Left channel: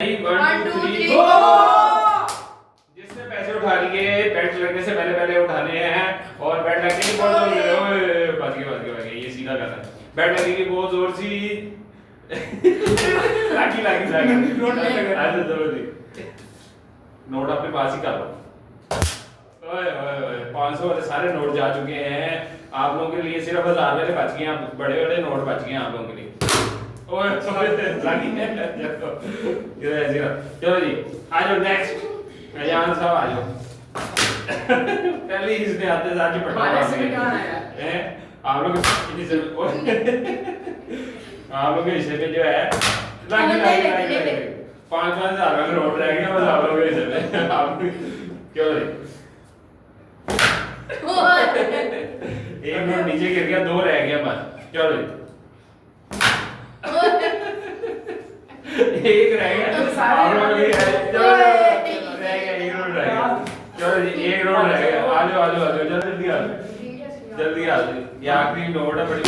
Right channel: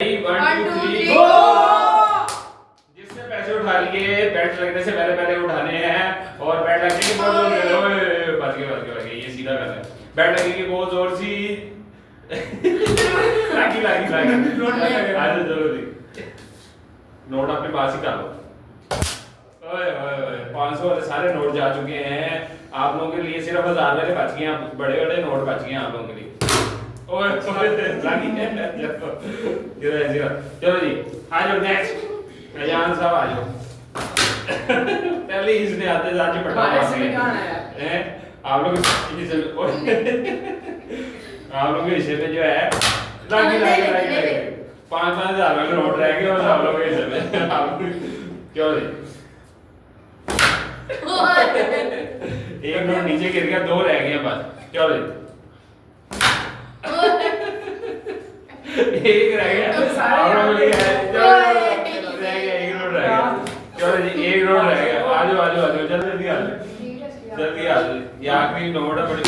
1 2 3 गो। जिसने पैसे उठा लिए बैट लगने से पहले पहले उठाने हैं और बैट लगने के बहुत बच गए ये सीधा करना है। बैट लगेगी बहुत जोर सी लागी लागी लागी आज चलो जी नोट अपने पास ही कर लो। ओए ओए ओए 500 वाले सारे नोट जा चुके हैं आप लोगों के लिए। सिर्फ 1000 वाले बच गए हैं, बड़े वाले नोट बच गए हैं आप लोगों के लिए। ओए लागी चलो जी आ जाओ नेक्स्ट अयान साहब आ जाओ। पहले इसने आते जाके पटा हैं आप लोग आप लोग के हिस्से में जो है लागी लागी लागी 5,000 का नोट रह गया बस आप लोग के हिस्से में। आप क्यों जी एक नोट नीचे गिर गया, 2 रह गया बस। क्यों जी एक रह गया आप लोग के रह गया एक नोट रह गया। चलो जी एक नोट रह गया। आ जाओ जल्दी आ जाओ जल्दी आ जाओ ये आखिरी नोट है बड़ी